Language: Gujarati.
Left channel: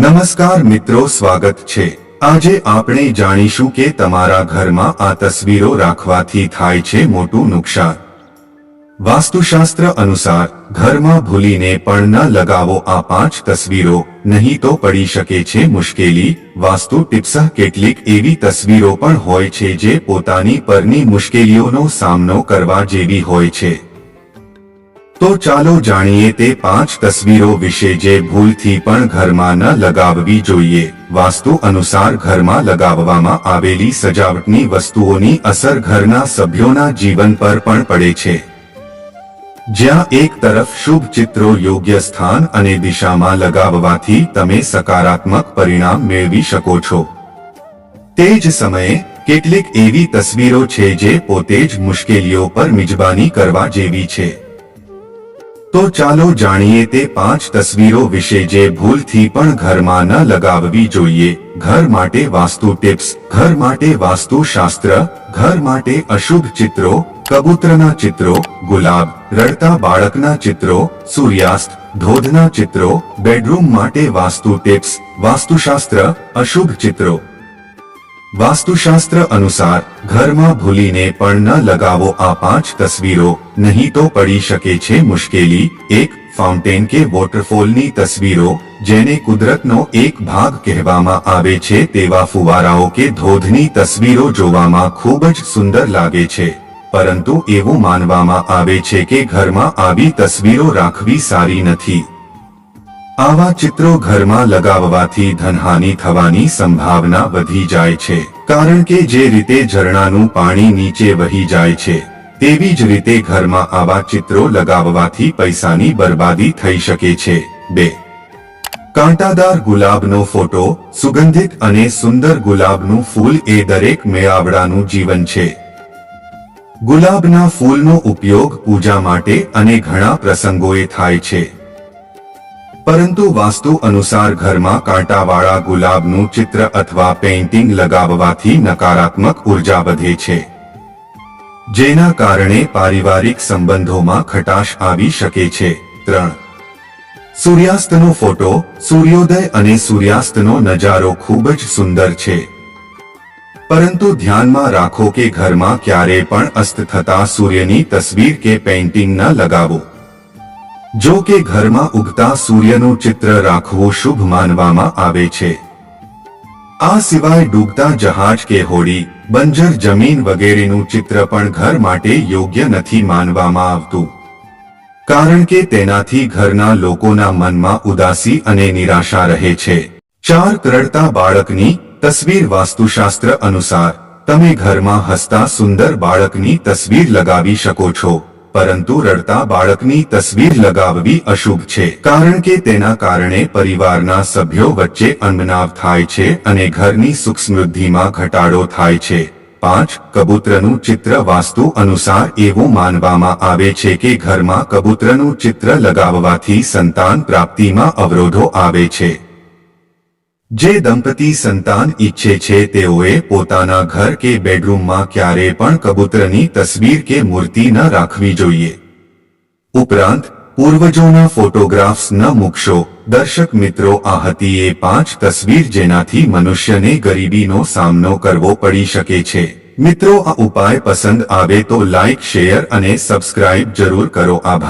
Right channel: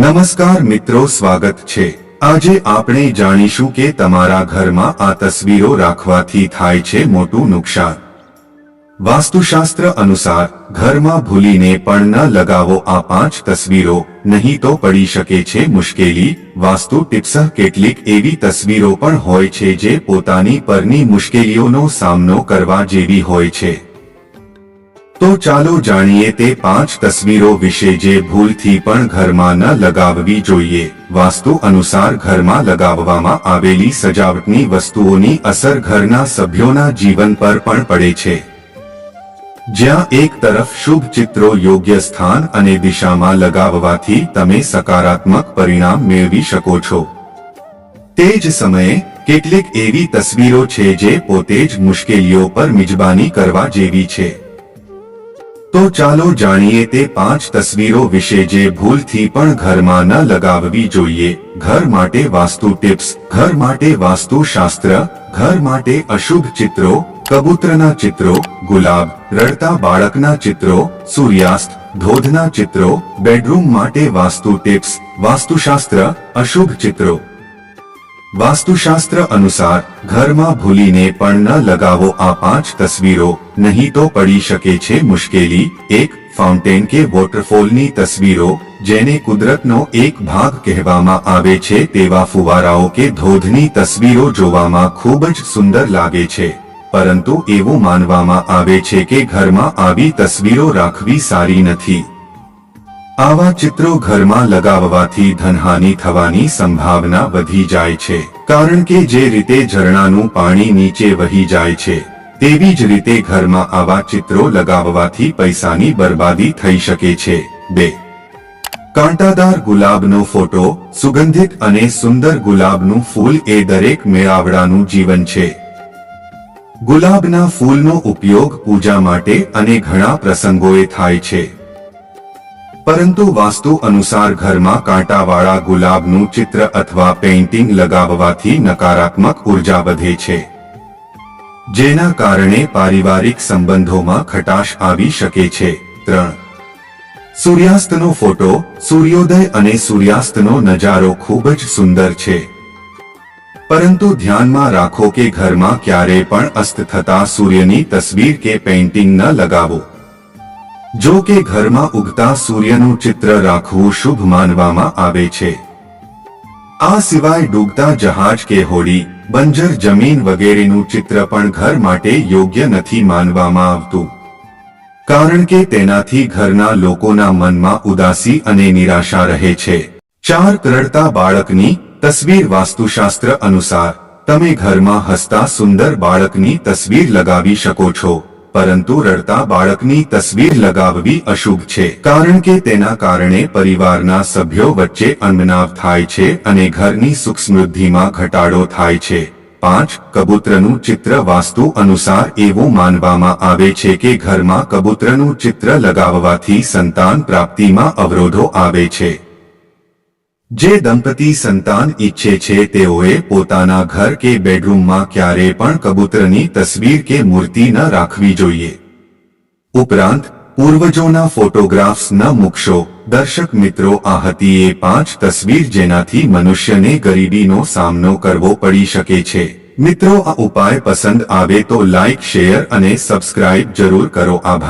નમસ્કાર મિત્રો, સ્વાગત છે. આજે આપણે જાણીશું કે તમારા ઘરમાં આ તસવીરો રાખવાથી થાય છે મોટું નુકસાન. વાસ્તુશાસ્ત્ર અનુસાર, ઘરમાં ભૂલીને પણ ન લગાવો આ પાંચ તસવીરો, નહીં તો પડી શકે છે મુશ્કેલી. વાસ્તુ ટિપ્સ, કેટલીક એવી તસવીરો પણ હોય છે જે પોતાની પરની મુશ્કેલીઓનો સામનો કરવા જેવી હોય છે. તો ચાલો જાણીએ તે પાંચ તસવીરો વિશે જે ભૂલથી પણ ઘરમાં ન લગાવવી જોઈએ. વાસ્તુ અનુસાર ઘરમાં લગાવવામાં આવેલી સજાવટની વસ્તુઓની અસર ઘરના સભ્યોના જીવન પર પણ પડે છે. જ્યાં એક તરફ શુભ ચિત્રો યોગ્ય સ્થાન અને દિશામાં લગાવવાથી તમે સકારાત્મક પરિણામ મેળવી શકો છો. તે જ સમયે, કેટલીક એવી તસવીરો છે જે પોતે જ મુશ્કેલીઓ પર મિજબાની કરવા જેવી છે. તો ચાલો જાણીએ તે પાંચ તસવીરો વિશે જે ભૂલથી પણ ઘરમાં ન લગાવવી જોઈએ. ઘર માટે વાસ્તુ ટિપ્સ, ઘર માટે વાસ્તુ શાસ્ત્ર ઘર માટે અશુભ ચિત્રો, કબૂતરના ચિત્રો, ગુલાબ, રડતા બાળકના ચિત્રો, સૂર્યાસ્ત, ધોધના ચિત્રો, બેડરૂમ માટે વાસ્તુ ટિપ્સ, વાસ્તુશાસ્ત્ર, અશુભ ચિત્રો. વાસ્તુશાસ્ત્ર અનુસાર ઘરમાં ભૂલીને પણ ન લગાવો આ પાંચ તસવીરો, નહીં તો પડી શકે છે મુશ્કેલી. એક, ફાઉન્ટેન કે વોટરફોલની તસવીરો, જેને કુદરતનો એક ભાગ કહેવામાં આવે છે તેવા ફુવારાઓ કે ધોધની તસવીરો જોવામાં ખૂબ જ સુંદર લાગે છે. પરંતુ એવું માનવામાં આવે છે કે ઘરમાં આવી તસવીરો રાખવી સારી નથી. આવા ચિત્રો ઘરમાં લગાવવાથી ધનહાનિ થવાની સંભાવના વધી જાય છે. કારણ કે જે રીતે ઝરણાનું પાણી નીચે વહી જાય છે, તેવી જ રીતે ઘરમાં આવા ચિત્રો લગાવવાથી પૈસાની બરબાદી થઈ શકે છે. બે. કાંટાદાર ગુલાબનો ફોટો સુગંધિત અને સુંદર ગુલાબનું ફૂલ એ દરેક મેળાવડાનું જીવન છે. ગુલાબના ફૂલનો ઉપયોગ પૂજા માટે અને ઘણા પ્રસંગોએ થાય છે. પરંતુ વાસ્તુ અનુસાર ઘરમાં કાંટાવાળા ગુલાબનું ચિત્ર અથવા પેઇન્ટિંગ લગાવવાથી નકારાત્મક ઊર્જા વધે છે. જેના કારણે પારિવારિક સંબંધોમાં ખટાશ આવી શકે છે. ત્રણ. સૂર્યાસ્તનો ફોટો, સૂર્યોદય અને સૂર્યાસ્તનો નજારો ખૂબ જ સુંદર છે. પરંતુ ધ્યાનમાં રાખો કે ઘરમાં ક્યારે પણ અસ્ત થતા સૂર્યની તસવીર કે પેઇન્ટિંગ ન લગાવો. જો કે ઘરમાં ઉગતા સૂર્યનું ચિત્ર રાખવું શુભ માનવામાં આવે છે. આ સિવાય ડૂબતા જહાજ કે હોડી, બંજર જમીન વગેરેનું ચિત્ર પણ ઘર માટે યોગ્ય નથી માનવામાં આવતું. કારણ કે તેનાથી ઘરના લોકોના મનમાં ઉદાસી અને નિરાશા રહે છે. ચાર કરડતા બાળકની તસવીર વાસ્તુશાસ્ત્ર અનુસાર, તમે ઘરમાં હસતા સુંદર બાળકની તસવીર લગાવી શકો છો. પરંતુ રડતા બાળકની તસવીર લગાવવી અશુભ છે. કારણ કે તેના કારણે પરિવારના સભ્યો વચ્ચે અનમનાવ થાય છે અને ઘરની સુખ સમૃદ્ધિમાં ઘટાડો થાય છે. પાંચ, કબૂતરનું ચિત્ર વાસ્તુ અનુસાર એવું માનવામાં આવે છે કે ઘરમાં કબૂતરનું ચિત્ર લગાવવાથી સંતાન પ્રાપ્તિમાં અવરોધો આવે છે. જે દંપતી સંતાન ઈચ્છે છે તેઓએ પોતાના ઘર કે બેડરૂમમાં ક્યારે પણ કબૂતરની તસવીર કે મૂર્તિ ન રાખવી જોઈએ. ઉપરાંત, પૂર્વજોના ફોટોગ્રાફ્સ ન મૂકશો. દર્શક મિત્રો, આ હતી એ પાંચ તસવીર જેનાથી મનુષ્યને ગરીબીનો સામનો કરવો પડી શકે છે. મિત્રો, આ ઉપાય પસંદ આવે તો લાઇક શેર અને સબસ્ક્રાઇબ જરૂર કરો. આભાર.